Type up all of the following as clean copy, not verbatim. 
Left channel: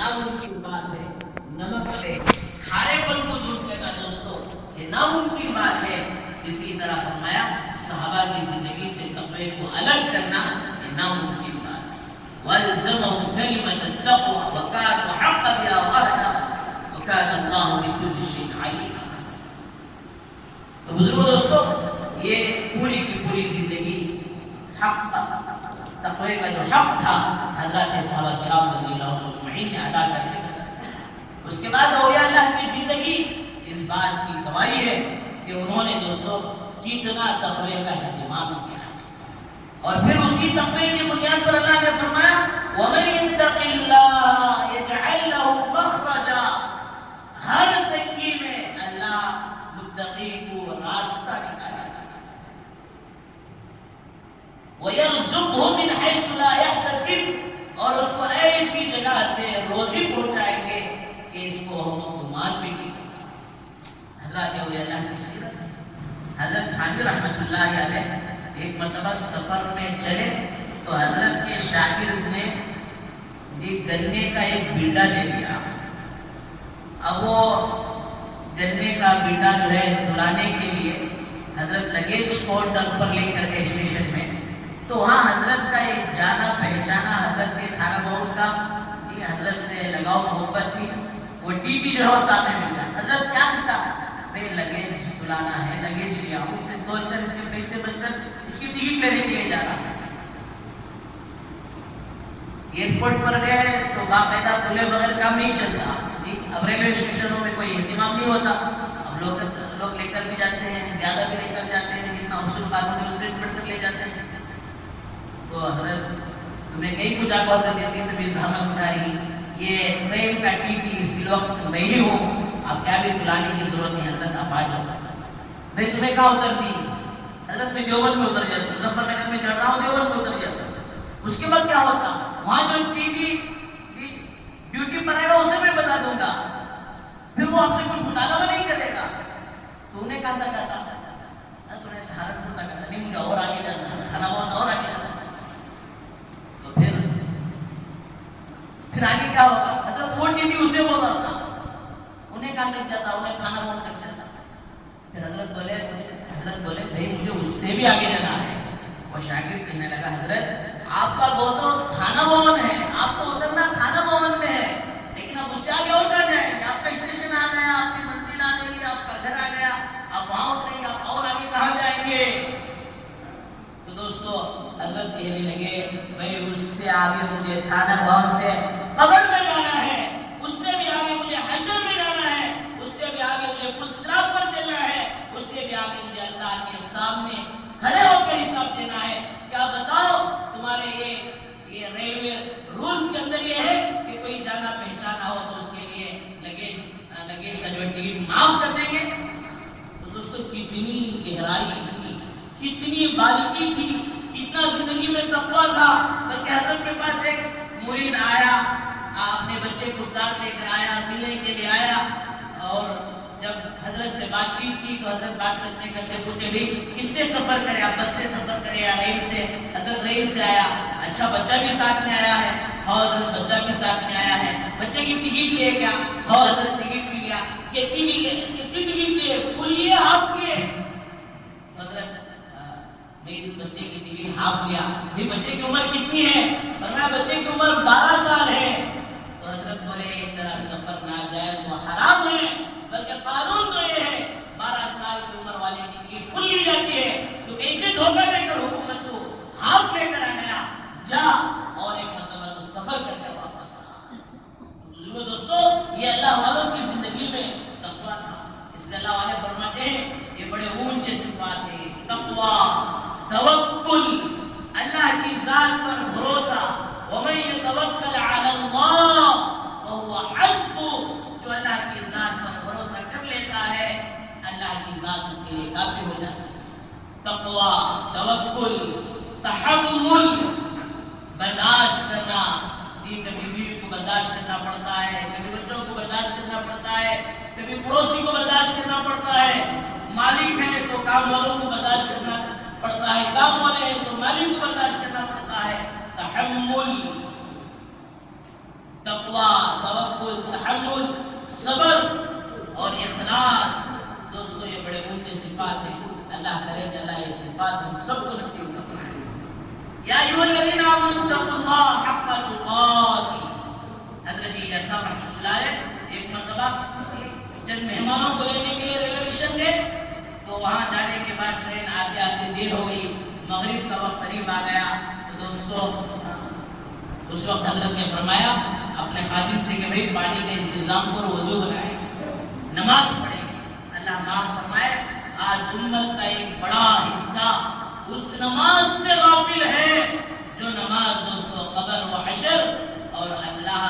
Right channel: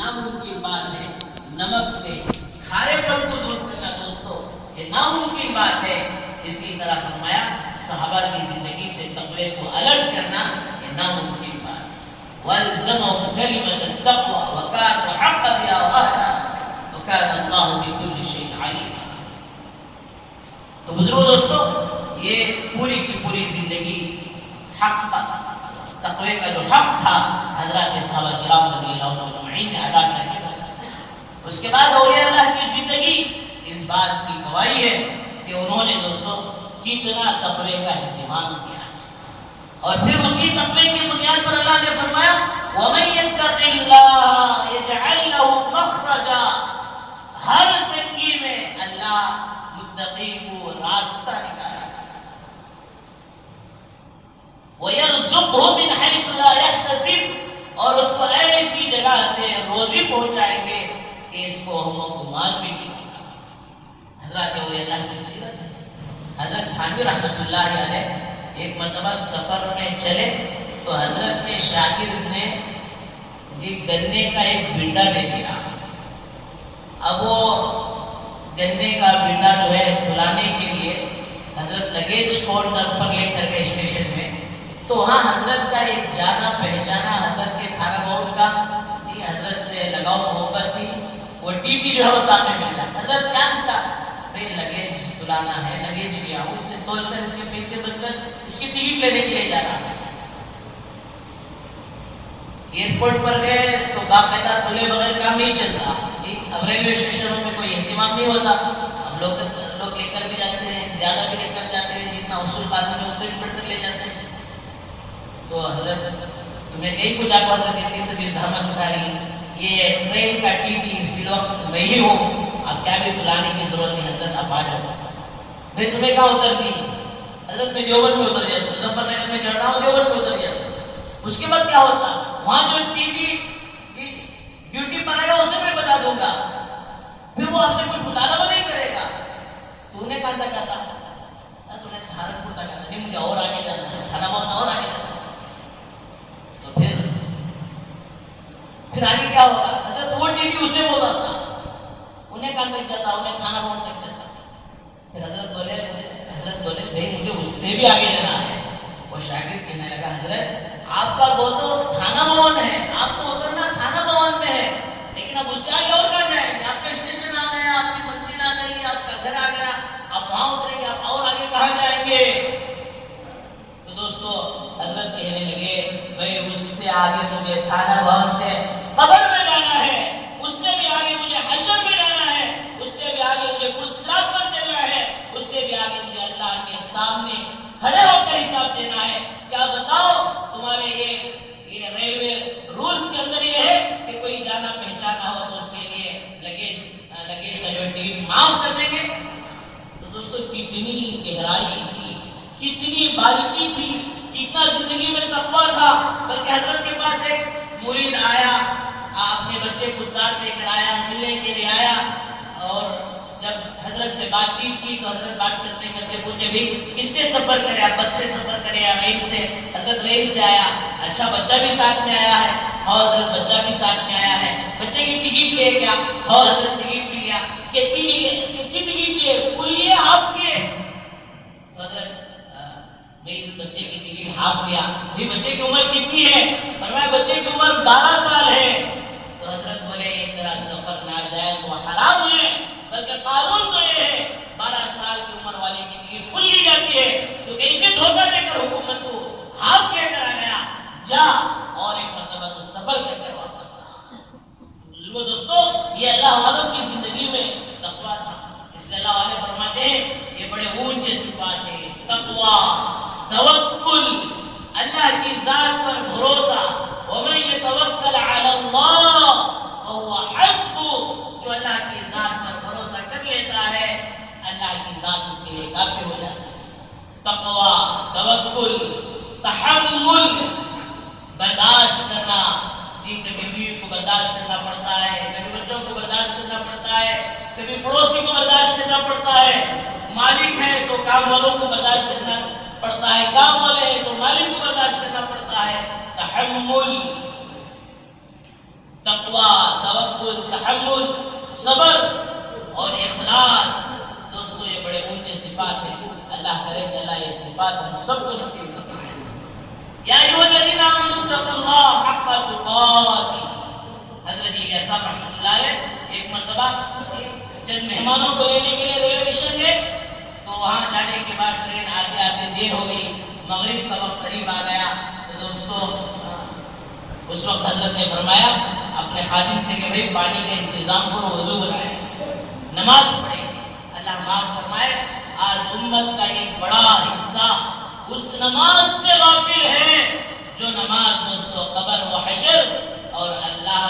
ناممکن بات ہے. نمک سے کھارے پن کو دور کرنا دوستو یہ ناممکن بات ہے. اسی طرح فرمایا صحابہ کی زندگی سے تقوی کو الگ کرنا یہ ناممکن بات ہے. وَالْزَمَهُمْ كَلِمَةَ التَّقْوَى وَكَانُوا حَقًّا بِهَا وَأَهْلَهَا وَكَانَ اللَّهُ بِكُلِّ شَيْءٍ عَلِيمًا. تو بزرگوں دوستو یہ پوری کی پوری زندگی حق تقوی کا جو حق تھا حضرات صحابہ کرام رضی اللہ عنہ اجمعین نے ادا کر کے بتایا. اس کے بعد اولیاء اللہ کی زندگی اس بات کی گواہی ہے کہ انہوں نے دوستو کتنا تقوی کا اہتمام کیا. اور پھر اسی تقوی کی بنیاد پر اللہ نے فرمایا وَمَن يَتَّقِ اللَّهَ يَجْعَلْ لَهُ مَخْرَجًا. ہر تنگی میں اللہ متقی کو راستہ نکالے گا. وَيَرْزُقْهُ مِنْ حَيْثُ لَا يَحْتَسِبُ. اور اس کو ایسی جگہ سے روزی پہنچائیں گے کہ اس کو ہم گمان بھی نہیں کریں. حضرات اولیاء اللہ کی سیرت ہے. حضرت تھانوی رحمۃ اللہ علیہ ایک مرتبہ سفر میں چلے تو حضرت کے شاگرد نے گنے کا ایک بنڈا دے دیا. اب وہ گنے کا بنڈا جو ہے دلانے کے لیے حضرت لگیج کاؤنٹر پر لے کر کے اسٹیشن میں تو وہاں حضرت کا ایک جانا پہچانا حضرت کے کھانا بہت کا حضرت سے لگاؤ محبت تھی. وہ ٹی ٹی جو ہے وہ سامنے مل جائے. حضرت کیا حصہ میں لگیج دلانا ہے لگیج لیا ہوں اسے تول کر اس کے پیسے بن کر اس کی ٹکٹ لینے کے لیے جانا ہے. ایئرپورٹ پر گئے تو باقاعدہ تلے بغیر کام نہیں چلتا. اب ریلوے اسٹیشنوں میں کوئی اہتمام نہیں ہوتا. اب لوگ لے کر بھی جاتے ہیں زیادہ بھی لے کر جاتے ہیں جتنا اصول قانون ہے اس سے بڑھ کر لے جاتے ہیں. تو حضرت تمہیں کہیں کچھ آپ حضرت اتنی سے زحمت اٹھائی یہ ٹرین کا ٹی ٹی اس وقت میں ہی ہوں اب کیا بھی تلانے کی ضرورت نہیں حضرت آپ آ جاؤ. میں تمہیں کہاں اترتی حضرت میں دیوبند میں اتر جاتا ہوں. ظفر نگر میں چڑھ رہا ہوں دیوبند میں اتر جاتا ہوں. اس کے بعد کیا ہوتا وہاں جو ٹی ٹی ڈیوٹی پر آئے گا اسے میں بتا دوں گا پھر وہ آپ سے کچھ مطالبہ نہیں کرے گا. تو انہیں کہاں تک آتا تو انہیں سہارنپور تک آتا نہیں مجھے اور آگے جانا ہے کھانا بہت اور آگے جانا ہے. تو پھر آگے کیا ہوگا حضرت وہ ٹی ٹی اسے بول رہا تھا انہیں کہاں تک جاتا انہیں کھانا بہت تک جاتا. پھر حضرت بولے بھائی مجھے اس سے بھی آگے جانا ہے. وہ شاگرد کہنے لگا حضرت آپ کا وہ تو تھانہ بھون ہے آپ تو اترنا تھانہ بھون میں ہے لیکن اب اس سے آگے اور کرنا ہے کہ آپ کا اسٹیشن آ گیا آپ کی منزل آ گئی آپ کا گھر آ گیا آپ وہاں اتریں گے آپ اور آگے کہاں جائیں گے. تو دوستو حضرت کہنے لگے بھائی اس سے آگے مجھے تھانہ بھون سے قبر میں جانا ہے اس سے بھی آگے مجھے حشر میں جانا ہے اس سے بھی آگے مجھے پل صراط پر چلنا ہے اس سے بھی آگے مجھے اللہ کے سامنے کھڑے ہو کر حساب دینا ہے. کیا بتاؤ تمہارے یہ ریلوے رولز کے اندر یہ ہے کہ کوئی جانا پہچانا ہو تو اس کے لیے لگیج کا جو ٹکٹ معاف کر دیں گے. تو دوستو کتنی گہرائی تھی کتنی باریکی تھی کتنا زندگی میں تقویٰ تھا. بلکہ حضرت کے پاس ایک مرید آیا اپنے بچے کو ساتھ لے کر آیا ملنے کے لیے آیا اور جب حضرت سے بات چیت کی تو حضرت بات کرتے کرتے پوچھے بھی کس سے سفر کرے آپ بس سے سفر کرے یا ریل سے. حضرت ریل سے آیا. اچھا بچہ بھی ساتھ میں آیا ہے اور حضرت بچہ بھی ساتھ میں آیا ہے. بچے کی ٹکٹ لیے کیا اور حضرت ٹکٹ بھی لیا. کتنی ٹکٹ لیے فل لیے ہاف لیے. حضرت میں اس بچے کی ٹکٹ ہاف لیا. بھائی بچے کی عمر کتنی ہے فرمایا بچے کی عمر 12 سال ہے. تو حضرت بولے ایک طرح سفر ناجائز و حرام ہے بلکہ قانون تو یہ ہے 12 سال کی عمر والے کی ٹکٹ فل لی جاتی ہے. تو کیسے دھوکہ دے کر حکومت کو ہاف لے کر آ گیا جا اور ایک مرتبہ تو سفر کر کے واپس آ. بزرگوں دوستو یہ اللہ والوں کی زندگی میں تقویٰ تھا. اس لیے اللہ والے فرماتے ہیں یہ بڑے اونچے صفات ہیں تقویٰ توکل اللہ کی ذات پر بھروسہ. وَمَن يَتَوَكَّلْ عَلَى اللَّهِ فَهُوَ حَسْبُهُ. جو اللہ کی ذات پر بھروسہ کر لیتا ہے اللہ کی ذات اس کے لیے کافی ہو جاتی ہے. تقویٰ توکل تحمل برداشت کرنا. جی کبھی بیوی کو برداشت کرنا پڑتا ہے کبھی بچوں کو برداشت کرنا پڑتا ہے کبھی پڑوسی کو برداشت کرنا پڑتا ہے. مالک ہے تو کام والوں کو برداشت کرنا پڑتا ہے کام والے ہیں تو مالک کو برداشت کرنا پڑتا ہے. تحمل تقویٰ توکل، تحمل، صبر اور اخلاص، دوستو یہ بڑے اونچے صفات ہیں. اللہ کرے کہ اللہ یہ صفات ہم سب کو نصیب فرمائے. یا ایھا الذین آمنوا اتقوا اللہ حق تقاتہ. حضرت الیاس صاحب رحمۃ اللہ علیہ ایک مرتبہ چند مہمانوں کو لینے کے لیے ریلوے اسٹیشن گئے، تو وہاں جانے کے بعد ٹرین آتے آتے دیر ہو گئی، مغرب کا وقت قریب آ گیا. تو دوستو اس وقت حضرت نے فرمایا اپنے خادم سے کہ بھائی پانی کا انتظام کرو، وضو بنائیں، نماز پڑھیں. اللہ معاف فرمائے آج امت کا ایک بڑا حصہ اس نماز سے غافل ہے جو نماز دوستو قبر و حشر اور اللہ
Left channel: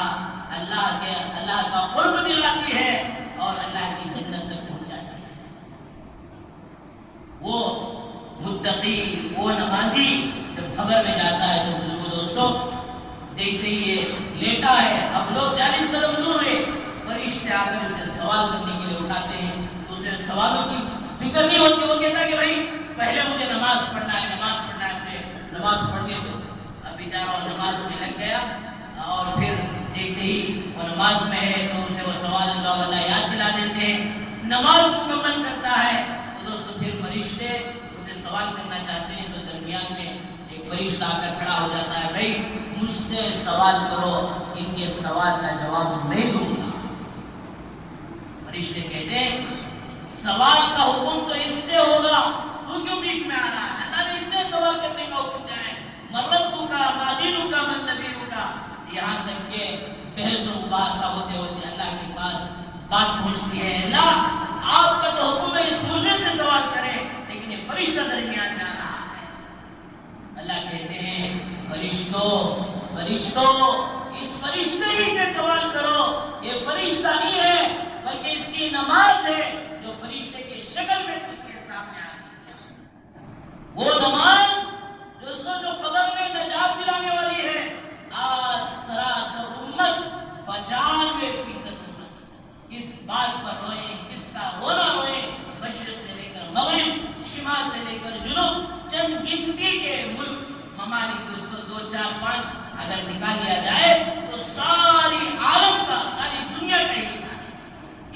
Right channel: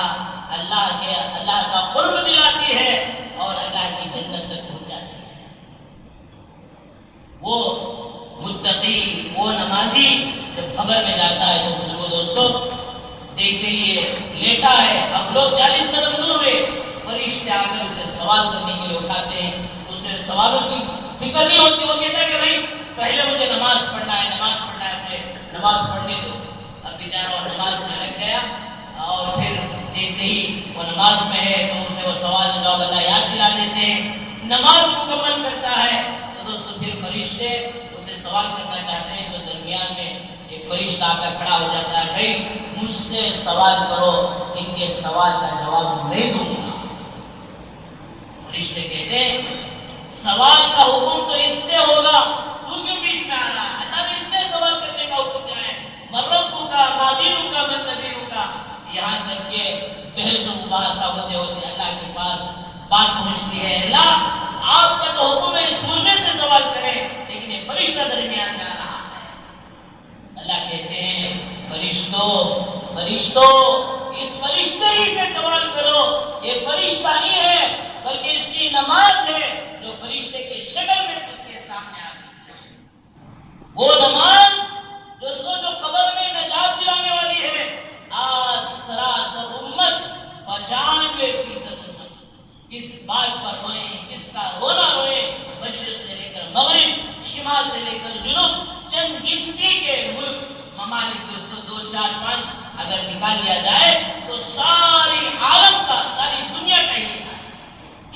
کا قرب دلاتی ہے اور اللہ کی جنت تک پہنچاتی ہے. وہ متقی، وہ نمازی جب قبر میں جاتا ہے تو بزرگو دوستو جیسے یہ لیٹا ہے، اب لوگ 40 قدم دور ہوئے، فرشتے آ کر اسے سوال کرنے کے لیے اٹھاتے ہیں. اسے سوالوں کی فکر نہیں ہوتی، وہ کہتا ہے کہ بھائی پہلے مجھے نماز پڑھنا ہے، مجھے نماز پڑھنے دو. اب بیچارہ وہ نماز میں لگ گیا اور پھر جیسے ہی وہ نماز میں ہے تو اسے وہ سوال جواب اللہ یاد دلا دیتے ہیں. نماز مکمل کرتا ہے تو دوستو پھر فرشتے اسے سوال کرنا چاہتے ہیں تو درمیان میں ایک فرشتہ آ کر کھڑا ہو جاتا ہے، بھائی مجھ سے سوال کرو، ان کے سوال کا جواب میں دوں گا. فرشتے کہتے ہیں سوال کا حکم تو اس سے ہوگا، تو کیوں بیچ میں آ رہا ہے؟ اللہ نے اس سے سوال کرنے کا حکم دیا ہے، مربو کا، مادینو کا، من نبیو کا. یہاں تک کہ بحث و مباحثہ ہوتے ہوتے اللہ کے پاس بات پہنچتی ہے، اللہ آپ کا تو حکم ہے اس مردے سے سوال کریں، لیکن یہ فرشتہ درمیان میں آ رہا ہے. اللہ کہتے ہیں فرشتوں اس فرشتے ہی سے سوال کرو. یہ فرشتہ نہیں ہے بلکہ اس کی نماز ہے جو فرشتے کے شکل میں اس کے سامنے آتی ہے. وہ نماز جو قبر میں نجات دلانے والی ہے. آج سراسر امت 95% امت کس بات پر روئیں، کس کا رونا روئیں؟ مشرق سے لے کر مغرب، شمال سے لے کر جنوب، چند گنتی کے ملک ممالک دوستوں 2 4 5 اگر نکال لیا جائے تو ساری عالم کا، ساری دنیا کا ہی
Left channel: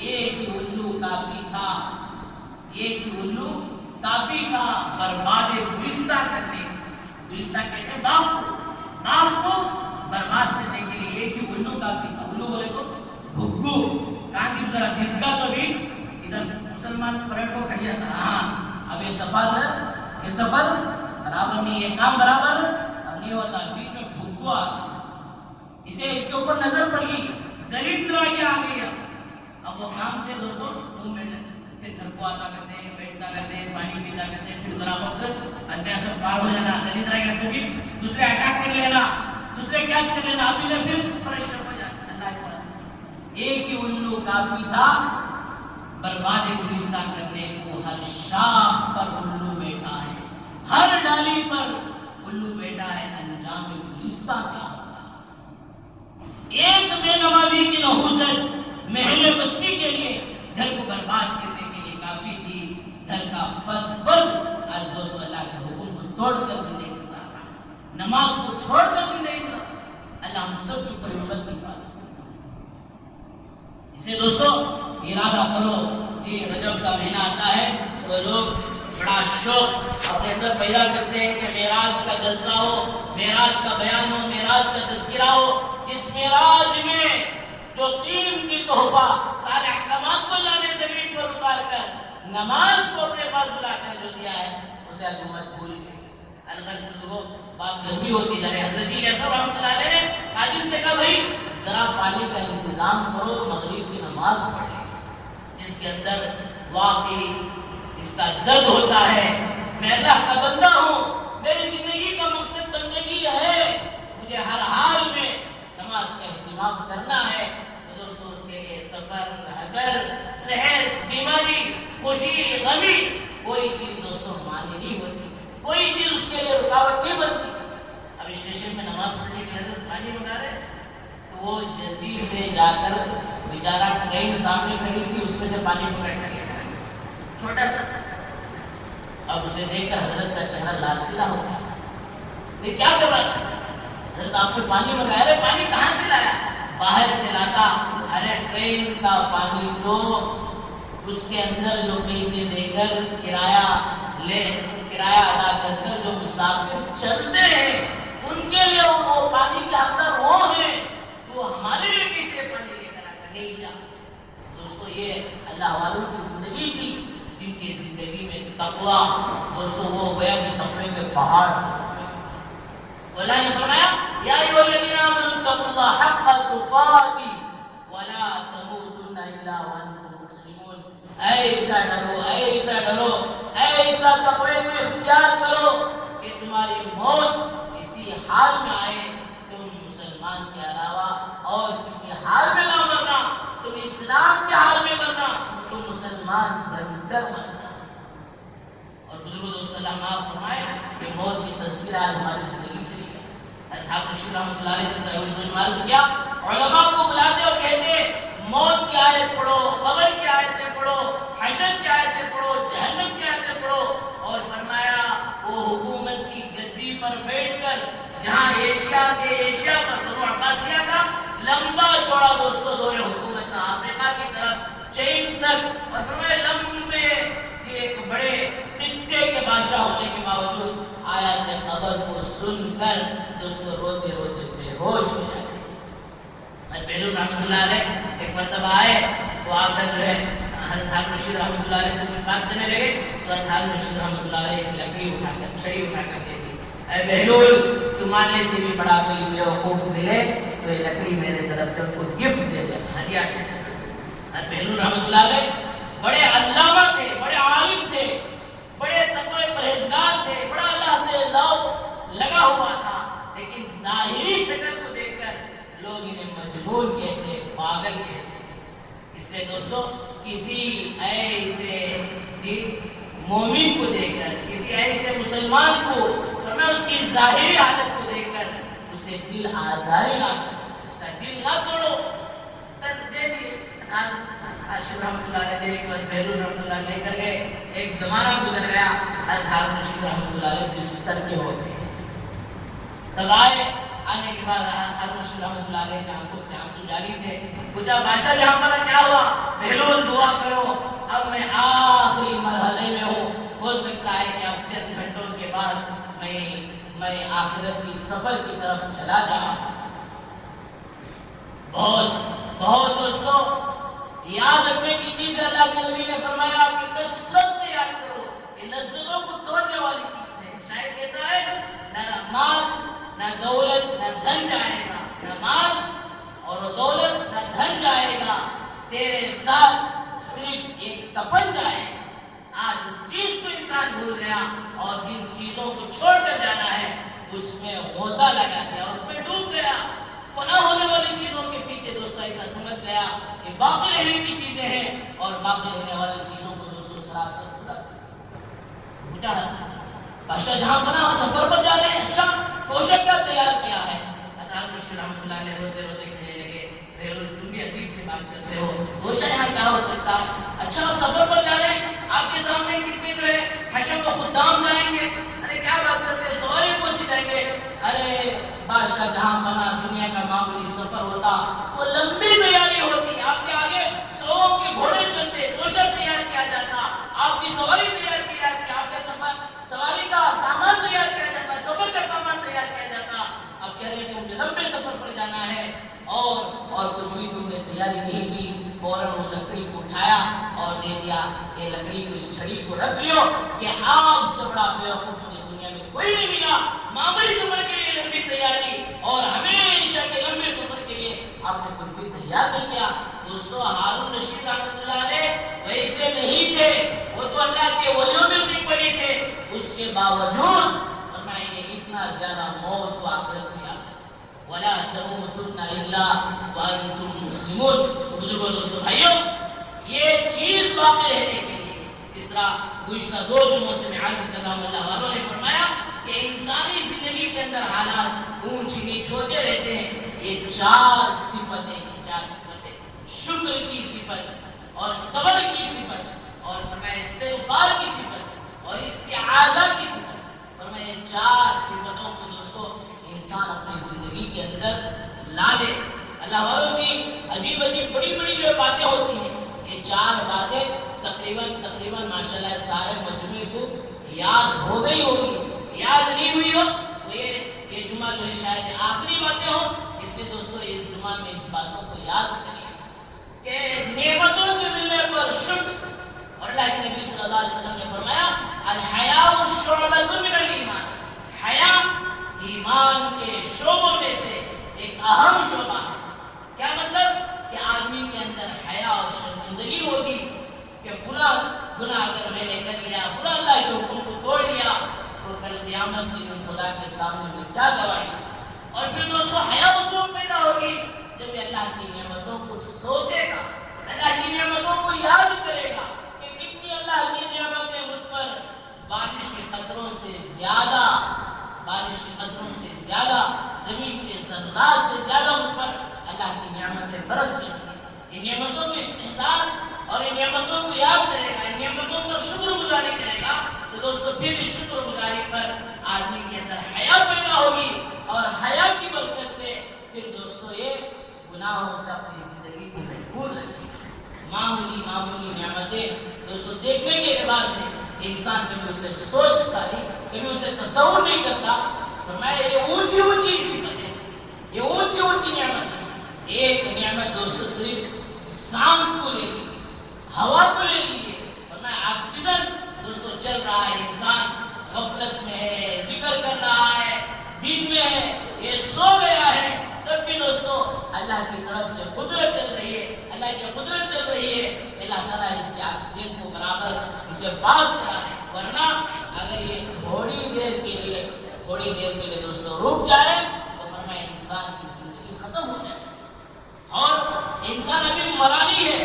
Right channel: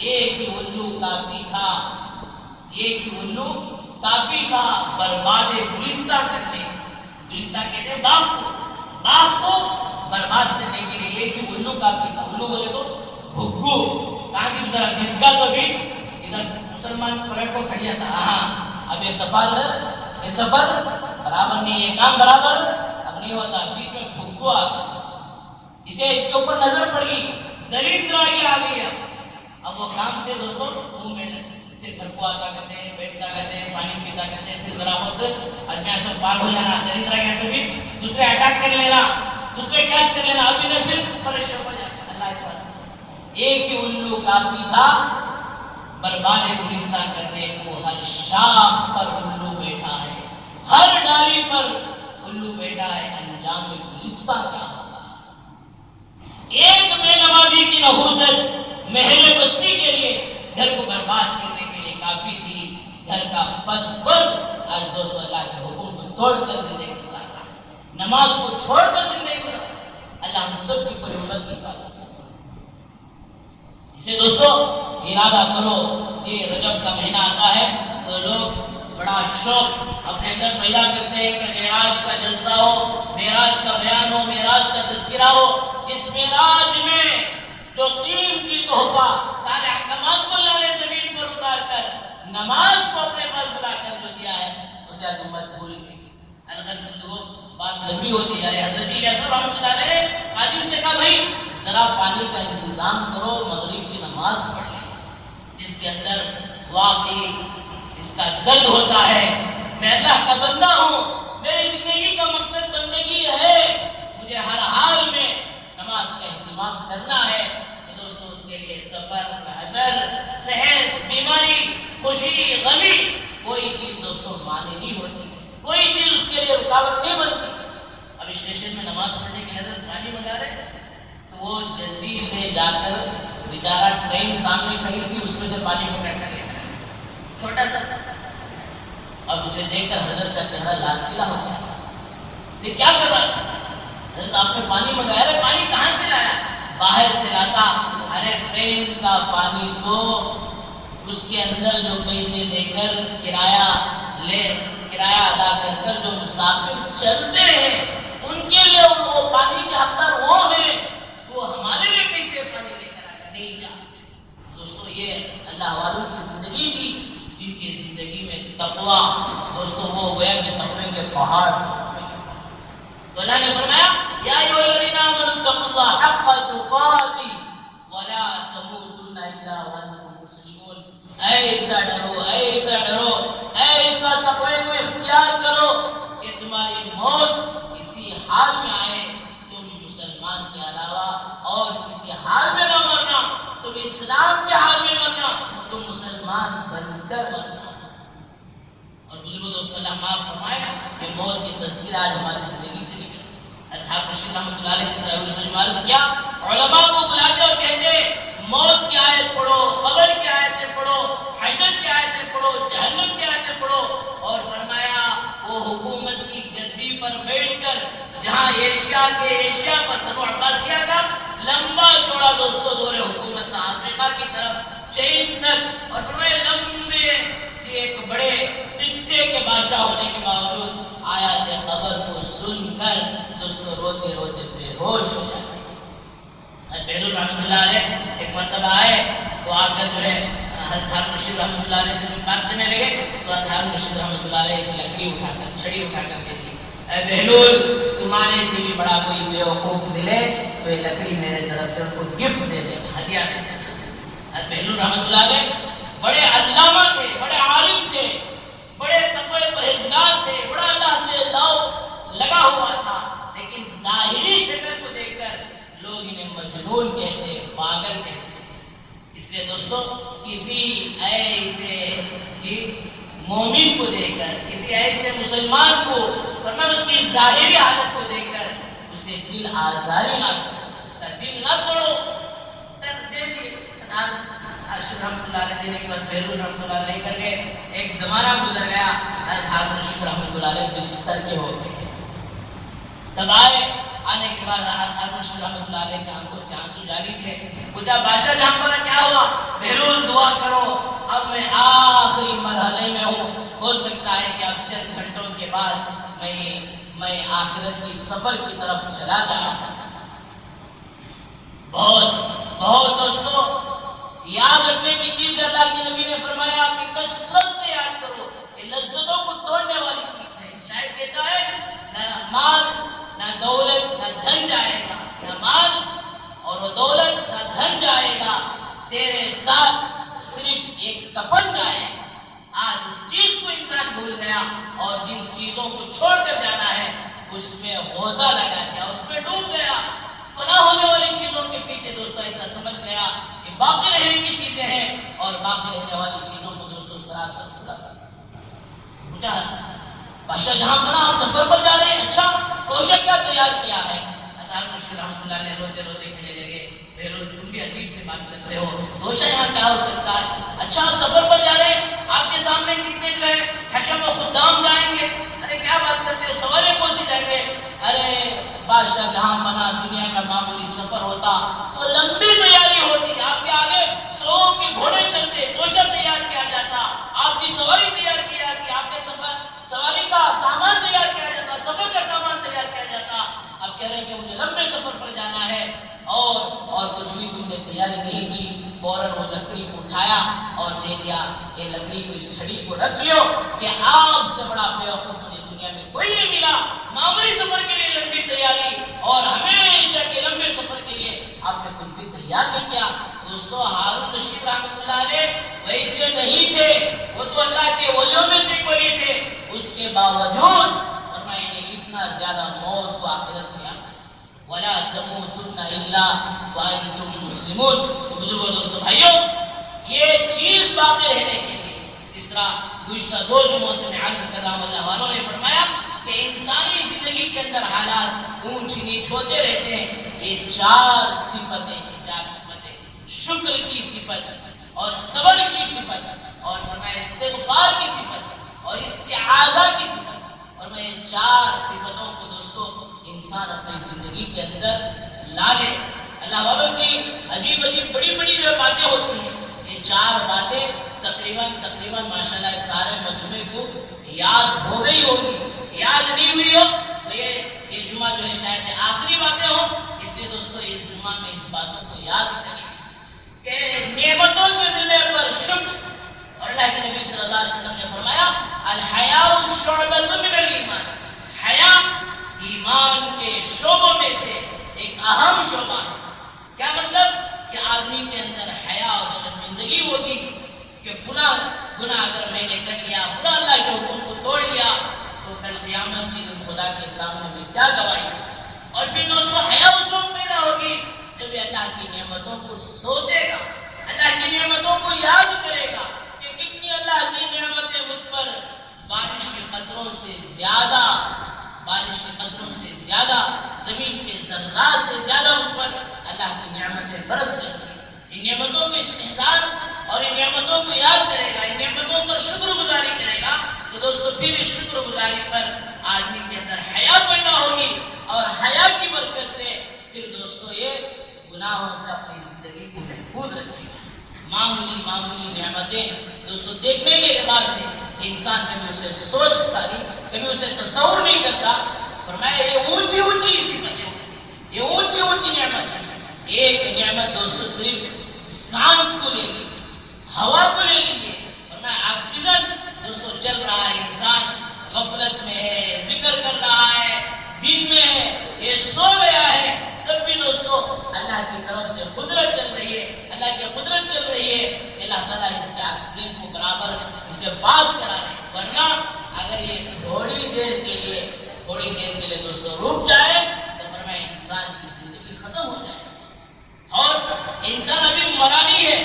ایک ہی الو کافی تھا برباد گلستان کرنے. گلستان کہتے ہیں باغ کو برباد کرنے کے لیے ایک ہی الو کافی تھا. الو بولے تو بھگو، کہاں کی ذرا دسگا تو بھی ادھر مسلمان پلٹ کو کھڑیا تھا. ہاں اب یہ سفر برابر نہیں ہے، کام برابر اب نہیں ہوتا. بیچ میں بھگو آ گیا، اس کے اوپر نظر پڑ گئی، دریندر آ گیا. اب وہ کام سے دوستوں منہ میں پھر گھر کو آتا کرتے ہیں، بیٹھتا کرتے ہیں، پانی پیتا کرتے ہیں، پھر ذرا وقت ادنا سب پار ہو جانا، دریندر کے سبھی دوسرے اٹیک کر لینا، دوسرے کیچ کر لینا، ابھی نہ پھر پریشان ہو جاتا. اللہ اکبر. ایک ہی الو کافی تھا برباد گلستان کرنے کو. ہر شاخ پر الو بیٹھا ہے، ہر ڈالی پر الو بیٹھا ہے، انجام گلستان کیا ہوگا؟ ایک بے نمازی کی نحوست محل بستی کے لیے، گھر کو برباد کرنے کے لیے کافی تھی. گھر کا فرد آج دوستو اللہ کے حکم کو توڑ کر زندگی گزار رہا ہے، نماز کو چھوڑ کر زندگی گزار رہا ہے. اللہ ہم سب کی پوری امت کی حفاظت کرے. اس لیے دوستو ارادہ کرو، یہ رجب کا مہینہ آتا ہے تو لوگ بڑا شوق اپنے اندر پیدا کرتے ہیں کہ معراج کا جلسہ ہو، معراج کا بیان ہو، معراج کا تذکرہ ہو. اس معراج میں جو قیمتی تحفہ سارے احکامات کو لانے سے زمین پر اتار کر نماز کو اپنے پاس بلا کر جو دیا ہے اسے آج امت بھول گئی. بات لمبی ہوتی جا رہی ہے. حضرت جی ایسا رحمۃ اللہ علیہ نے خادم سے کہا بھائی ذرا پانی کا انتظام کرو، مغرب کی نماز پڑھ لیں. جس کے اندر واقعی اس کا درد ہوتا ہے، میں اللہ کا بندہ ہوں، میری زندگی کا مقصد بندگی ہے، مجھے ہر حال میں نماز کا اہتمام کرنا ہے. تو دوستو اس کے لیے سفر، حضر، صحت، بیماری، خوشی، غمی، کوئی چیز دوستو مانے نہیں ہوتی، کوئی چیز اس کے لیے رکاوٹ نہیں بنتی. اب اسٹیشن میں نماز پڑھنے کی حضرت پانی منگا رہے تو وہ جلدی سے جا کر بیچارہ ٹرین سامنے کھڑی تھی، اس میں سے پانی پکڑ کر لے کر چھوٹا سا. اب اسے دیکھ کر حضرت کا چہرہ لال پیلا ہو گیا. پھر کیا کر رہا تھا؟ حضرت آپ نے پانی منگایا ہے، پانی کہاں سے لایا؟ باہر سے لاتا. ٹرین کا پانی تو اس کے اندر جو پیسے دے کر کرایہ ادا کر کر جو مسافر چلتے ہیں ان کے لیے وہ پانی کے حقدار وہ ہیں، وہ ہمارے لیے کیسے پانی لے کر آ کر نہیں جا۔ دوستو یہ اللہ والوں کی زندگی تھی جن کی زندگی میں تقویٰ دوستو وہ گویا کہ تقوی کے پہاڑ تھے۔ اللہ نے فرمایا یا ایھا الذین آمنوا اتقوا اللہ حق تقاتہ ولا تموتن الا وانتم مسلمون۔ ایسا ڈرو ایسا تقوی کو اختیار کرو کہ تمہاری موت اسی حال میں آئے تم مسلمان کے علاوہ اور کسی حال میں نہ مرنا، تم اسلام کے حال میں مرنا، تم مسلمان بن کر مرنا۔ اور بزرگوں دوستوں اللہ معاف فرمائے کہ موت کی تصویر آج ہماری زندگی سے نکلی۔ حضرت رشید رحمۃ اللہ علیہ جس طرح نے عرض کیا، علماء کو بلاتے اور کہتے موت کی آیت پڑھو، قبر کی آیتیں پڑھو، حشر کی آیتیں پڑھو، جہنم کی آیتیں پڑھو، اور فرمایا وہ حکومت کی گدی پر بیٹھ کر جہاں ایشیا پر بنو عباسیہ کا لمبا چوڑا دوستو دور حکومت تھا افریقہ کی طرف چین تک، اور فرمایا لمبے ایک بڑے خطے کے بادشاہ ہونے کے باوجود آیات قبر کو سن کر دوستو روتے روتے بے ہوش ہو جائے۔ بیرون رحمۃ اللہ علیہ ایک مرتبہ آئے، وہ آ کر جو ہے حضرت ہارون رشید رحمۃ اللہ علیہ سے بات کرنے لگے تو حضرت ہارون رشید رحمۃ اللہ علیہ ایک لکڑی اٹھا کر چھڑی اٹھا کر دے دی، اے بہلول تمہارے سے بھی بڑا کوئی بیوقوف ملے تو یہ لکڑی میرے طرف سے اس کو گفٹ دے دے، ہدیہ دے دے۔ حضرت بہلول رحمۃ اللہ علیہ بڑے علامہ تھے، بڑے عالم تھے، بڑے تقوی پرہیزگار تھے، بڑا اللہ سے لگا ہوا تھا، لیکن ظاہری شکل کو دیکھ کر لوگ انہیں مجنون کہتے، پاگل کہتے۔ اس لیے دوستو کسی ایسے مومن کو دیکھ کر، کسی ایسے مسلمان کو ورنہ اس کی ظاہری حالت کو دیکھ کر اسے دل آزاری نہ کرو، اس کا دل نہ توڑو۔ دے دیے ارشد رحمۃ اللہ علیہ دینے کے بعد بہلول رحمۃ اللہ علیہ کر کے ایک زمانہ گزر گیا، حضرت ہارون رشید رحمۃ اللہ علیہ بستر کے ہو گئے۔ تب آنے کے بعد ہارون رشید رحمۃ اللہ علیہ کے آنکھوں سے آنسو جاری تھے، پوچھا بادشاہ جہاں پر کیا ہوا؟ بہلول دعا کرو، اب میں آخری مرحلے میں ہوں، ہو سکتا ہے کہ اب چند گھنٹوں کے بعد میں آخرت کی سفر کی طرف چلا جاؤں۔ بہت دوستو یاد رکھنے کی چیز ہے، اللہ کے نبی نے فرمایا کہ کثرت سے یاد کرو، یہ لذتوں کو توڑنے والی چیز ہے۔ شاید کہتا ہے نہ مال نہ دولت نہ دھن جائے گا، نہ مال اور وہ دولت نہ دھن جائے گا، تیرے ساتھ صرف ایک کفن جائے گا۔ آج اس چیز کو انسان بھول گیا اور جن چیزوں کو چھوڑ کر جانا ہے اس میں غوطہ لگا دیا، اس میں ڈوب گیا، فنا ہونے والی چیزوں کے پیچھے دوستو ایسا سمجھ گیا کہ باقی رہنے کی چیزیں ہیں اور باقی رہنے والی چیزوں کو دوستو سراسر خدا بجا۔ بادشاہ جہاں بنا سفر پر جا رہے ہیں، اچھا کوشش کا تیار کیا ہے۔ ہارون رشید رحمۃ اللہ علیہ روتے روتے کہنے لگے بہلول تم بھی عجیب سے بات کرتے ہو، کوشش یہاں کیا ہو سکتا ہے؟ اچھا آپ سفر پر جا رہے ہیں، آپ کے سامنے کتنے جو ہے حشم و خدام جائیں گے؟ ارے کیا بات کرتے ہیں، سوارے کو سی جائیں گے؟ ارے بادشاہ جہاں بنا دنیا کا معمولی سفر ہوتا تو لمبی تیاری ہوتی، آپ کے آگے 100 کے گھوڑے چلتے، کوشش تیار کیا جاتا، آپ کی سواری تیار کی جاتی، آپ کے سواری کا سامان تیار کیا جاتا، سفر کا سامان تیار کیا جاتا۔ اب کہہ رہے ہیں کہ مجھے لمبے سفر پر جانا ہے اور کچھ بھی تم نے تیاری نہیں کی، فوراً وہ لکڑی کو اٹھایا اور دے دیا، یہ لکڑی کو اس چھڑی کو رکھ لیو کہ آپ سے بڑا بیوقوف مجھے دنیا میں کوئی نہیں ملا۔ معمولی سفر کے لیے لمبی تیاری اور ہمیشہ کے لمبے سفر کے لیے آپ نے کچھ بھی تیار نہیں کیا۔ دوستو ہارون رشید رحمۃ اللہ علیہ ویسے نہیں تھے، وہ تو اللہ کے ولیوں میں سے ولی تھے، اس کے باوجود فرمایا کہ اتنا زیادہ موت کو آخرت میں آتا ولا تموتن الا وانتم مسلمون۔ تو بزرگوں دوستو بھائیوں یہ چیز باقی رہنے کے لیے اس طرح گزشتہ 2 جمعوں سے میں عرض کر رہا ہوں، اللہ والوں نے فرمایا کہ انسانی زندگی کے اندر حالات اونچ نیچ ہوتے رہتے ہیں، یہ 4 صفتیں ہیں، 4 صفتیں، شکر کی صفت اور صبر کی صفت اور فرمایا استغفار کی صفت اور استعاذہ کی صفت، فرمایا 4 صفتوں کو دوستو انسان اپنی زندگی کے اندر لا لے۔ اللہ والوں کی عجیب عجیب بڑی بڑی جو آدمی کے اندر حیا اور شرمندگی ہوگی کہ فلاں گناہ اگر میں نے کر لیا، فلاں اللہ کے حکم کو توڑ لیا، تو کل قیامت کے دن خدا کے سامنے میں کیا گواہی؟ اور پھر دوستو حیا اس وقت پیدا ہوگی جب یہ اللہ کی نعمتوں کو سوچے گا، اللہ کی نعمتوں کو یاد کرے گا کہ کتنی اللہ کی نعمتیں مجھ پر بارش کے قطروں سے زیادہ، بارش کے قطروں سے زیادہ، زمین کے ذرات سے زیادہ مجھ پر اللہ کی نعمتیں برس رہی ہیں۔ ان نعمتوں کو استحضار اور ان نعمتوں کو یاد کرے گا، ان نعمتوں پر شکر گزاری کرے گا، تو دوستو پھر اس شکر گزاری پر آدمی کے اندر حیا پیدا ہوگی، اور حیا کی برکت سے پھر دوستو یہ گناہوں سے اپنی زندگی کو محفوظ رکھے گا۔ معمولی نعمتیں دوستو دیکھنے کے اعتبار سے انسان کبھی اسے سوچتا نہیں، کبھی اسے تصور نہیں کرتا۔ فرمایا یہ اونچی صفتیں، یہ اونچی نعمت ہے۔ ایک نعمت دوستو صرف سانس کو لے لیجیے، ہوا کو لے لیجیے۔ فرمایا آکسیجن دوستو چل رہا ہے، انسان غفلت میں ہے، ذکر کر رہا ہے، دن میں ہے، یہ سو گیا ہے، تب بھی دوستو اللہ کی طرف سے قدرت چل رہی ہے، اللہ کی قدرت چل رہی ہے، اللہ تعالیٰ اس کے آکسیجن کو برابر اسے پاس کرا رہے ہیں۔ ورنہ اگر یہ تھوڑی دیر کے لیے دوستو رک جائے تو فرمایا انسان کی زندگی ختم ہو جائے، اور انسان ابھی مرانی ہے،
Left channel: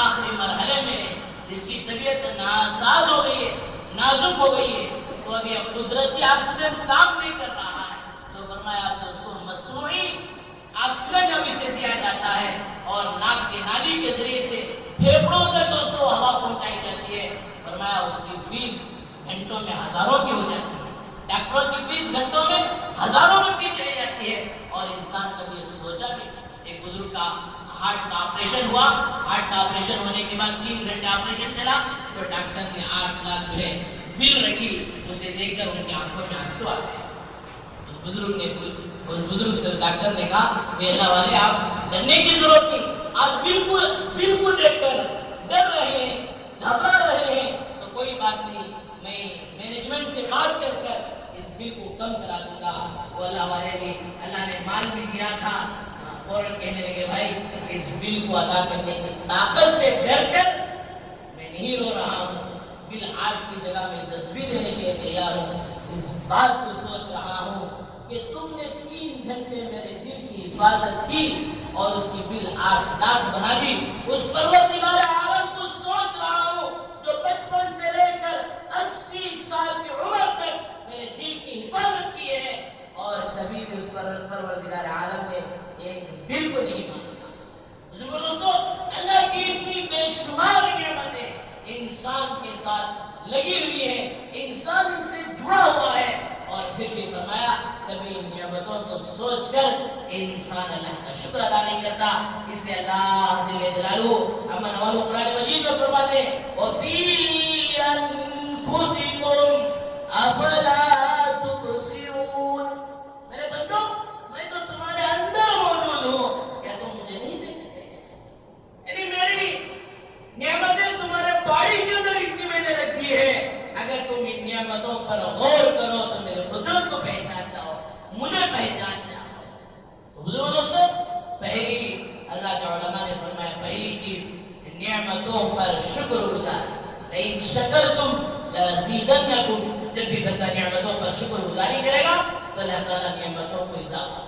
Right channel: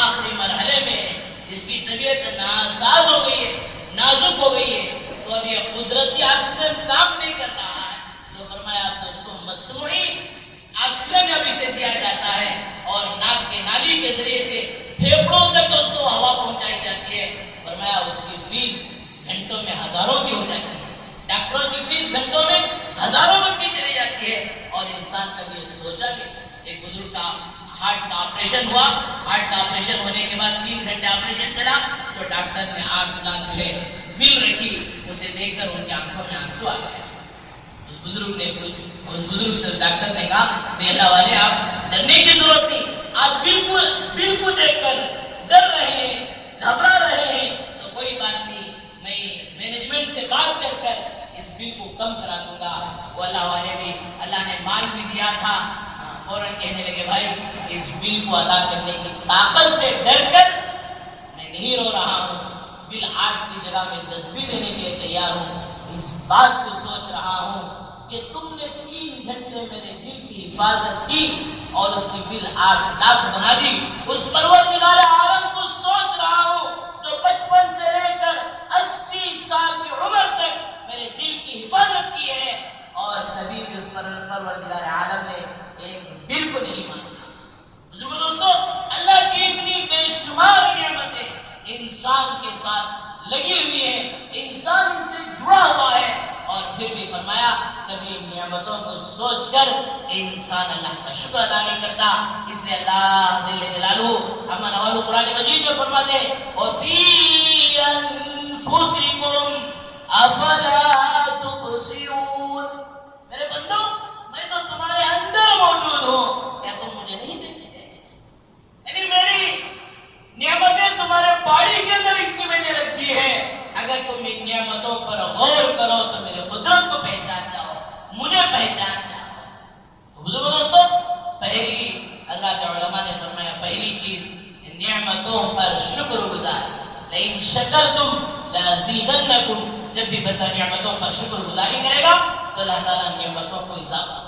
آخری مرحلے میں ہے، اس کی طبیعت ناساز ہو گئی ہے، نازک ہو گئی ہے، تو اب یہ قدرتی آکسیجن کام نہیں کر رہا ہے، تو فرمایا اب دوستو مصنوعی آکسیجن اب اسے دیا جاتا ہے، اور ناک کے نالی کے ذریعے سے پھیپھڑوں تک دوستو ہوا پہنچائی جاتی ہے۔ فرمایا اس کی فیس گھنٹوں میں ہزاروں کی ہو جاتی ہے، ڈاکٹروں کی فیس گھنٹوں میں ہزاروں کی چلی جاتی ہے، اور انسان کبھی یہ سوچا بھی۔ ایک بزرگ کا ہارٹ کا آپریشن ہوا، ہارٹ کا آپریشن ہونے کے بعد 3 گھنٹے آپریشن چلا، تو ڈاکٹر نے 8 لاکھ جو ہے بل رکھی، اسے دیکھ کر ان کی آنکھوں میں آنسو آ گئے۔ اس بزرگ سے ڈاکٹر نے کہا کہ اللہ والے آپ ڈرنے کی ضرورت نہیں، آپ بل کو دیکھ کر ڈر رہے ہیں، گھبرا رہے ہیں، تو کوئی بات نہیں، میں مینجمنٹ سے بات کر اس بل کو کم کرا دوں گا۔ وہ اللہ والے بھی، اللہ نے مال بھی دیا تھا، فوراً کہنے لگے بھائی اس بل کو ادا کرنے کی طاقت سے ڈر کر میں نہیں رو رہا ہوں، بل 8 کی جگہ میں 10 بھی دینے کے لیے تیار ہوں، اس بات کو سوچ رہا ہوں کہ تم نے 3 گھنٹے میرے دل کی حفاظت کی اور اس کی بل 8 لاکھ بنا دی۔ اس پروردگار عالم کو سوچ رہا ہوں جو 55 سے لے کر 80 سال کی عمر تک میرے دل کی حفاظت کی ہے، اور کبھی بھی اس پروردگار عالم نے ایک بل کو نہیں مانگا۔ بزرگو دوستو، اللہ کی اتنی بے شمار نعمتیں انسان کے ساتھ لگی ہوئی ہیں، انسان ان سے جڑا ہوا ہے، اور پھر بھی فرمایا کبھی ان نعمتوں کو سوچ کر انسان اللہ کا شکر ادا نہیں کرتا۔ اس لیے اللہ جل جلالہ اما نوالو قرآن مجید میں فرماتے ہیں وَفِي أَنفُسِكُمْ أَفَلَا تُبْصِرُونَ، میرے بندو میں تو تمہارے اندر موجود ہوں، کیا تم مجھے نہیں دیکھتے؟ یعنی میری نعمتیں تمہارے باڑی کے اندر اتنی مجھے لگتی ہے، اگر تم ان نعمتوں پر غور کرو تو میرے قدرت کو پہچان جاؤ، مجھے پہچان جاؤ۔ تو بزرگو دوستو، پہلی حضرات علماء نے فرمایا پہلی چیز نعمتوں پر شکر گزار، لئن شکرتم لازیدنکم، جب بھی بندہ نعمتوں پر شکر گزاری کرے گا تو اللہ تعالیٰ نعمتوں کو اضافہ۔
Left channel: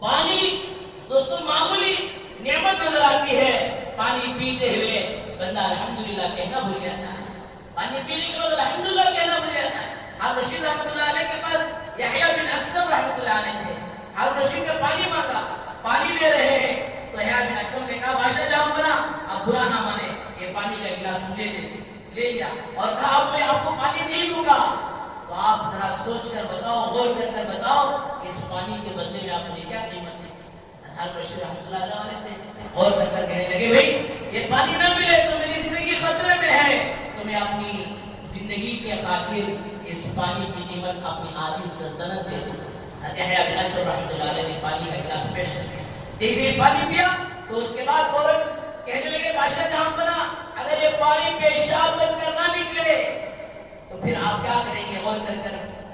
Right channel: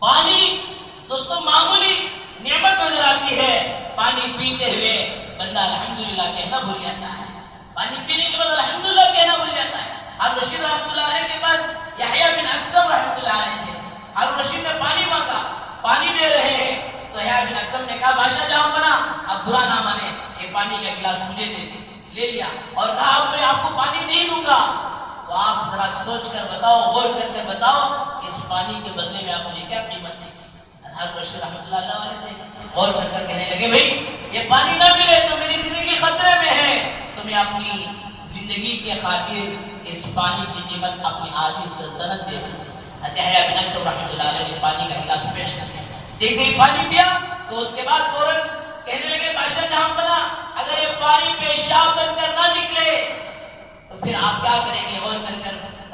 پانی دوستو معمولی نعمت نظر آتی ہے، پانی پیتے ہوئے بندہ الحمدللہ کہنا بھول جاتا ہے، پانی پینے کے بعد الحمدللہ کہنا بھول جاتا ہے۔ حضرت رشید رحمۃ اللہ علیہ کے پاس یحییٰ بن اقسم رحمۃ اللہ علیہ تھے، حضرت رشید نے پانی مانگا، پانی دے رہے ہیں، تو یحییٰ بن اقسم نے کہا بادشاہ جہاں بنا، اب برا نہ مانے، یہ پانی کا گلاس مجھے دے دے، لے لیا اور کہا اب میں آپ کو پانی نہیں دوں گا، تو آپ ذرا سوچ کر بتاؤ، غور کر بتاؤ اس پانی کے بدلے میں آپ نے کیا قیمت دی؟ حضرت رشید رحمۃ اللہ علیہ تھے، غور کر کہنے لگے بھائی یہ پانی نہ ملے تو میری زندگی خطرے میں ہے، تو میں اپنی زندگی کے خاطر اس پانی کی قیمت اپنی آدھی سلطنت دے دوں۔ حضرت یحییٰ بن اقسم رحمۃ اللہ علیہ نے پانی کا گلاس پیش کر دیا، جیسے ہی پانی پیا تو اس کے بعد فوراً کہنے لگے بادشاہ جہاں بنا، اگر یہ پانی پیشاب بن کر نہ نکلے تو پھر آپ کیا کریں گے؟ غور کر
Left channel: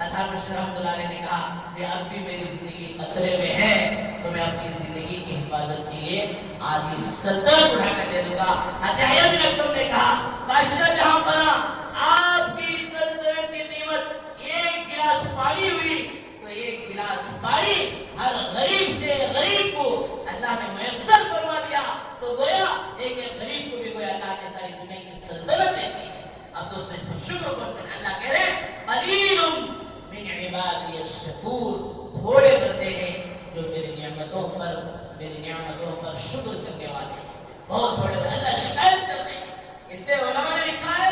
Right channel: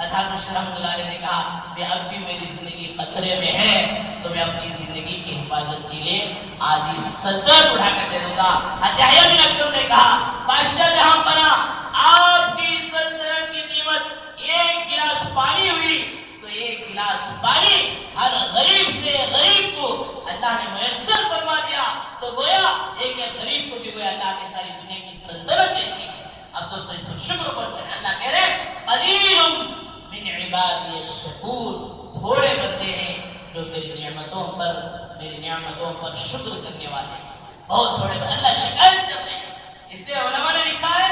اطہار مشکل رحمۃ اللہ علیہ نے کہا کہ اب بھی میری زندگی خطرے میں ہے تو میں اپنی زندگی کی حفاظت کے لیے آدھی سلطنت اٹھا کر دے دوں گا۔ یحییٰ بن اکثر نے کہا بادشاہ جہاں بنا آپ کی سلطنت کی قیمت ایک گلاس پانی ہوئی تو ایک گلاس پانی ہر غریب سے غریب کو اللہ نے میسر فرما دیا، تو گویا ایک غریب کو بھی گویا اللہ نے ساری دنیا کی سلطنت دے دی ہے۔ اب دوستو اس پر شکر کریں، اللہ کہہ رہے ہیں قلیل من عبادی الشکور، تھوڑے بندے ہیں جو میری نعمتوں پر شکر کرنے والے ہیں، بہت تھوڑے بندے۔ اللہ شکایت کر رہے ہیں، اس لیے علماء نے لکھا ہے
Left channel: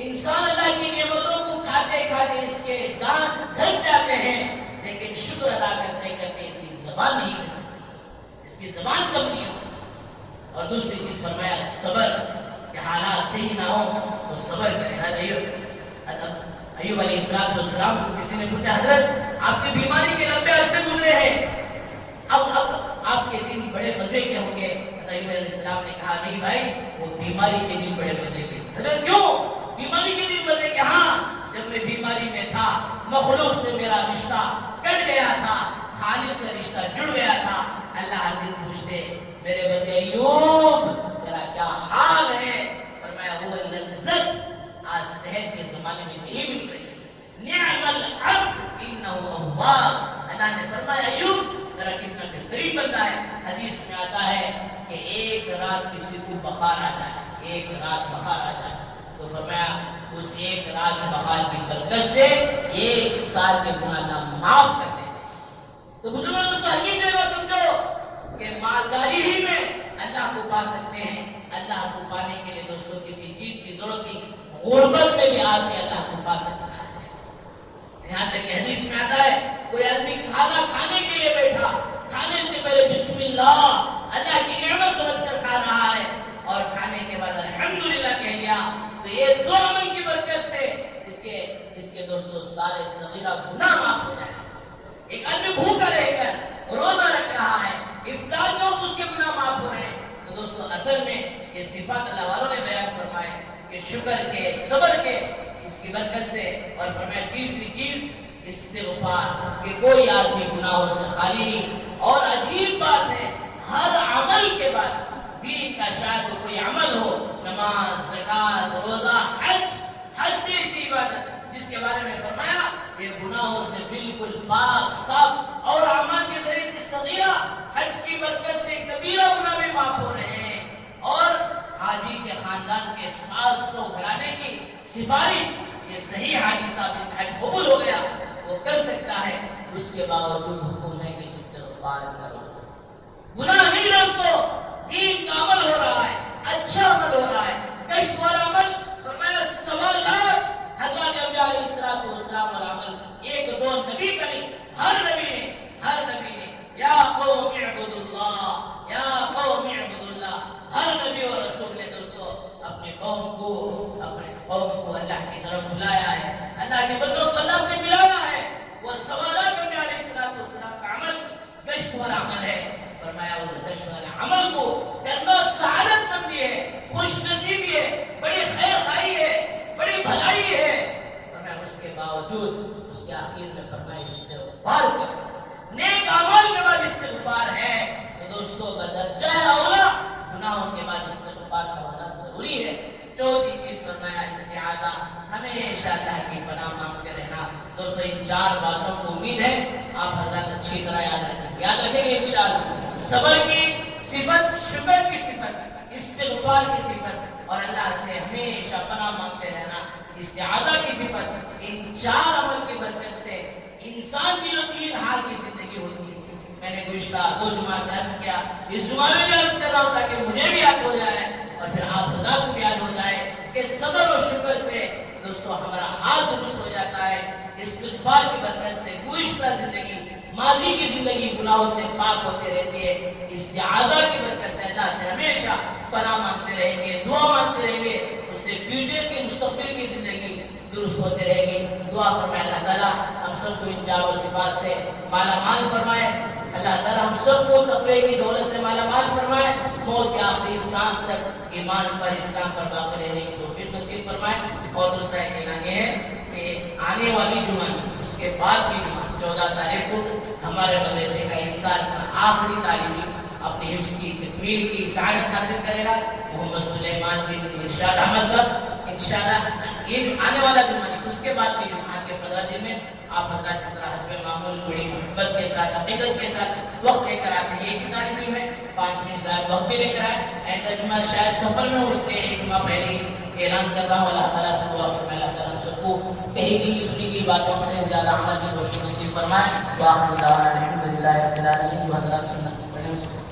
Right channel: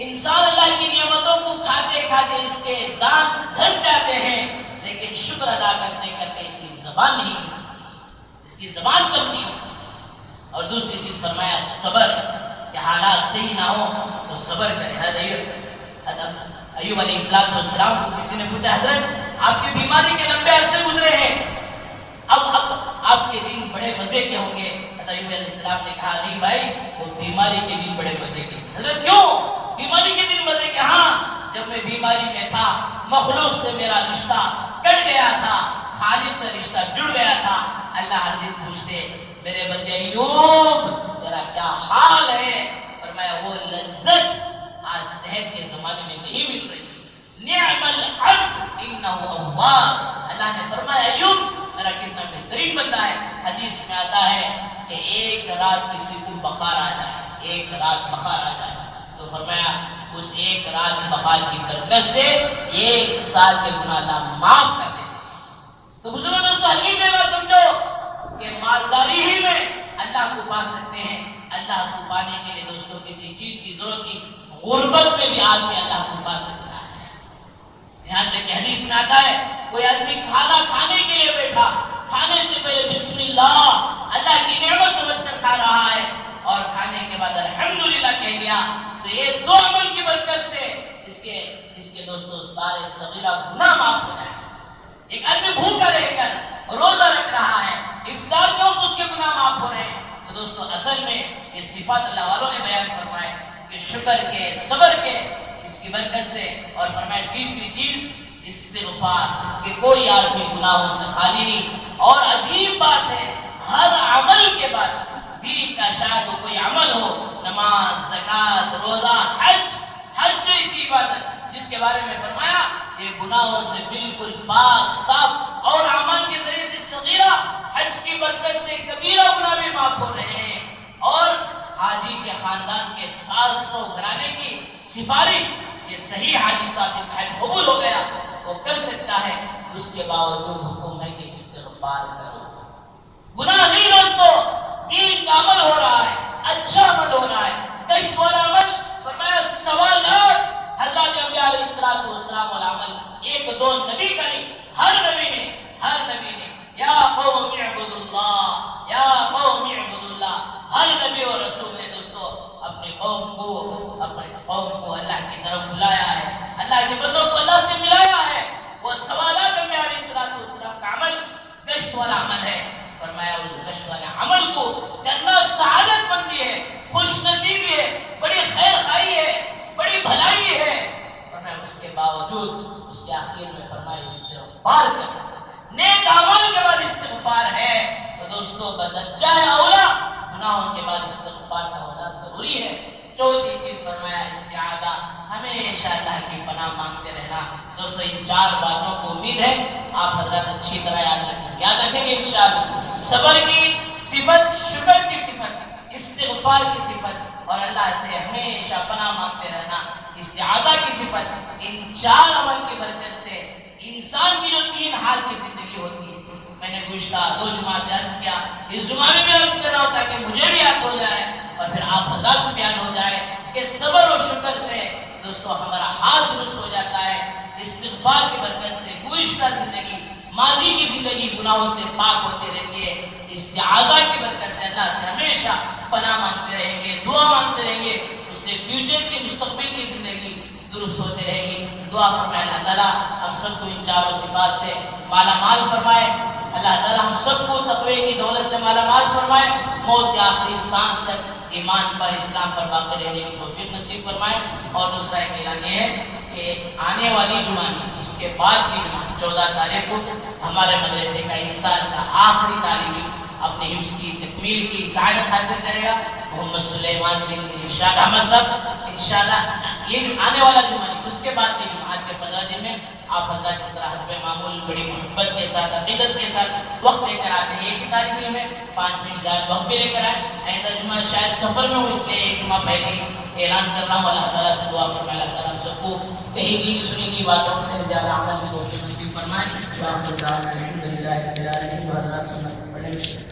انسان اللہ کی نعمتوں کو کھاتے کھاتے اس کے دانت گھس جاتے ہیں، لیکن شکر ادا کرتے کرتے اس کی زبان نہیں گھستی، اس کی زبان کم نہیں ہوتی۔ اور دوسری چیز فرمایا صبر، کہ حالات صحیح نہ ہو تو صبر کرے۔ ایوب علیہ السلام کو کسی نے پوچھا حضرت آپ کی بیماری کے لمبے عرصے گزرے ہیں، اب آپ کے دن بڑے مزے کے ہوں گے۔ ایوب علیہ السلام نے کہا نہیں بھائی، وہ بیماری کے دن بڑے مزے کے۔ حضرت کیوں بیماری کے دن مزے کے؟ ہاں، جب میں بیماری میں تھا مخلوق سے میرا رشتہ کٹ گیا تھا، خالق سے رشتہ جڑ گیا تھا۔ اللہ ہر دن پوچھتے میرے بندے ایوب تیرا کیا حال ہے؟ فرمایا وہ لذت آج صحت کے زمانے میں نہیں مل رہی۔ نعم العبد انہ اواب، اللہ نے فرمایا ایوب میرا کتنا بہترین بندہ ہے۔ حدیث میں آتا ہے کہ ایک رات کسی کو بخار آ جائے، ایک رات بخار آ جائے تو فرمایا اس ایک رات بخار کی برکت سے 1 سال کے گناہ اللہ معاف کر دیتے ہیں۔ تو بزرگوں دوستو حقیقت یہ بات سمجھو کہ مالداری ہی میں اللہ کو پا سکتے ہیں۔ اللہ کو پانے کے لیے دوستو کسی چیز کی ضرورت نہیں، غربت میں بھی آدمی اللہ کو پا سکتا ہے۔ یہاں تک کہ حدیث میں آتا ہے کوئی آدمی کھانا کھانے کے لیے بیٹھا، کھانے سے پہلے بسم اللہ کی نعمت سمجھ کر کھا رہا ہے اور کھانے کے بعد الحمدللہ کہہ لیا، تو یہ دو عمل کی برکت سے اس کے دوستو سارے صغیرہ گناہ معاف ہو جائیں۔ ایک آدمی بھوکا رہ کر روزہ رکھ رہا ہے، افطار کے وقت اس کے گناہ معاف ہو رہے ہیں۔ تو دوستو اصل میں یہ صفات اللہ والوں نے بیان فرمائے کہ شکر کے، صبر کے، اس کی برکت سے، اور فرمائے تیسری چیز استغفار، کہ کوئی آدمی گناہوں سے خالی نہیں۔ اور عجیب بات ہے ہر عمل کے بعد دین کا شاید وہ کوئی عمل ہو، نماز، زکوٰۃ، روزہ، حج جو اسی عبادت جس کے بارے میں فرمایا یہ گناہوں سے بالکل پاک صاف، اور اعمال کے ذریعے سے صغیرہ، حج کی برکت سے کبیرہ گناہ بھی معاف ہو رہے ہیں۔ اور حاجی کے خاندان کے 700 گھرانے کی سفارش، یہ صحیح حاجی صاحب جن کا حج قبول ہو گیا وہ کر سکتا ہے، اس کے باوجود حکم ہے کہ استغفار کرو۔ گناہ نہیں دوستو، دین کا عمل ہو رہا ہے، اچھا عمل ہو رہا ہے، کشف والا عمل، فرمایا سوالات حضرت انبیاء علیہ السلام والا عمل، ایک دو نبی کا نہیں، ہر نبی نے یا قوم اعبدوا اللہ، یا قوم اعبدوا اللہ، ہر نبی اور رسول نے دوستو اپنے قوم کو اللہ کی طرف بلایا ہے، اللہ کے بندوں کو اللہ سے ملایا ہے۔ وہ سوالات انبیاء علیہ السلام کا عمل کشف والا عمل ہے۔ فرمایا اس کشف والے عمل کو کرنا سعادت مندی ہے، خوش نصیبی ہے، بڑی خیر خواہی ہے، بڑی بھلائی ہے۔ فرمایا اس کے باوجود اس کے آخر میں فرمایا استغفار کرو۔ نیک اعمال کے بعد استغفار ہے تو دوستو بدرجہ اولا گناہوں کے بعد استغفار کا ہونا ضروری ہے۔ چوتھی چیز فرمایا استعاذہ، ہمیشہ اللہ کی پناہ مانگتے رہنا۔ دوستو ان 4 باتوں کو امید ہے آپ حضرات اچھی طرح یاد رکھیں گے انشاءاللہ۔ صبر کی صفت، شکر کی صفت، استغفار کی صفت، اور اللہ سے ہمیشہ پناہ مانگتے رہنا، استعاذہ کی صفت۔ ان 4 عمل کی برکت سے انسان کی جو 3 حال کی زندگی ہوتی ہے، میں نے گزشتہ 2 جمعہ سے عرض کیا، اس جمعہ میں بھی عرض کر رہا ہوں تاکہ مجھے بھی یاد ہو جائے اور پھر آپ حضرات کو بھی یاد ہو جائے کہ صبر و شکر سے دوستو ہمارا حال درست ہو جاتا ہے۔ استغفار کی برکت سے گزشتہ زندگی، ماضی کی زندگی گناہوں سے پاک ہوتے رہتی ہے۔ استعاذہ کی برکت سے اللہ سے ہمیشہ پناہ مانگتے رہیں گے، دعا مانگتے رہیں گے، اس سے فیوچر کی، مستقبل کی زندگی درست ہوتے رہے گی۔ دعا فرمائے اللہ تعالیٰ ہم سب کو ان 4 صفات سے مالا مال فرمائے۔ اللہ تعالیٰ ہم سب کو تقوی کی دولت سے مالا مال فرمائے، موت کے آخری سانس تک ایمان پر اسلام پر باقی رہنے کی توفیق نصیب فرمائے. اور دوسرا ایک اعلان یہ ہے کہ آنے والی جمعہ اس کے بعد کی جمعہ 14 تاریخ کو ہمارے مدرسے کا اس سال کا آخری طالبی اپنے حفظ کی تکمیل کی سعادت حاصل کرے گا. محمد سلیمان بن ارشاد احمد صاحب انشاءاللہ یہ جو آنے والا جمعہ نہیں اس کے بعد کے جمعہ آج کے 15 دن میں آپ حضرات اس طرح حسب معمول بڑی محبت کے ساتھ عقیدت کے ساتھ وقت لے کر آتے ہیں. ایک ہی طالب علم ہے 5 منٹ زیادہ وقت بھی لے کر آئے. آئندہ جمعہ شاید سفر میں ہو اس لیے ایک جمعہ پہلے ہی اعلان کر رہا ہوں. اللہ تعالیٰ سے دعا فرمائے اللہ تعالیٰ ہم سب کو کہیں گی سنی گئی باتوں سے زیادہ عمل کی توفیق نصیب فرمائے. وآخر دعوانا الحمدللہ رب العالمین. حضرات سنت پڑھیں.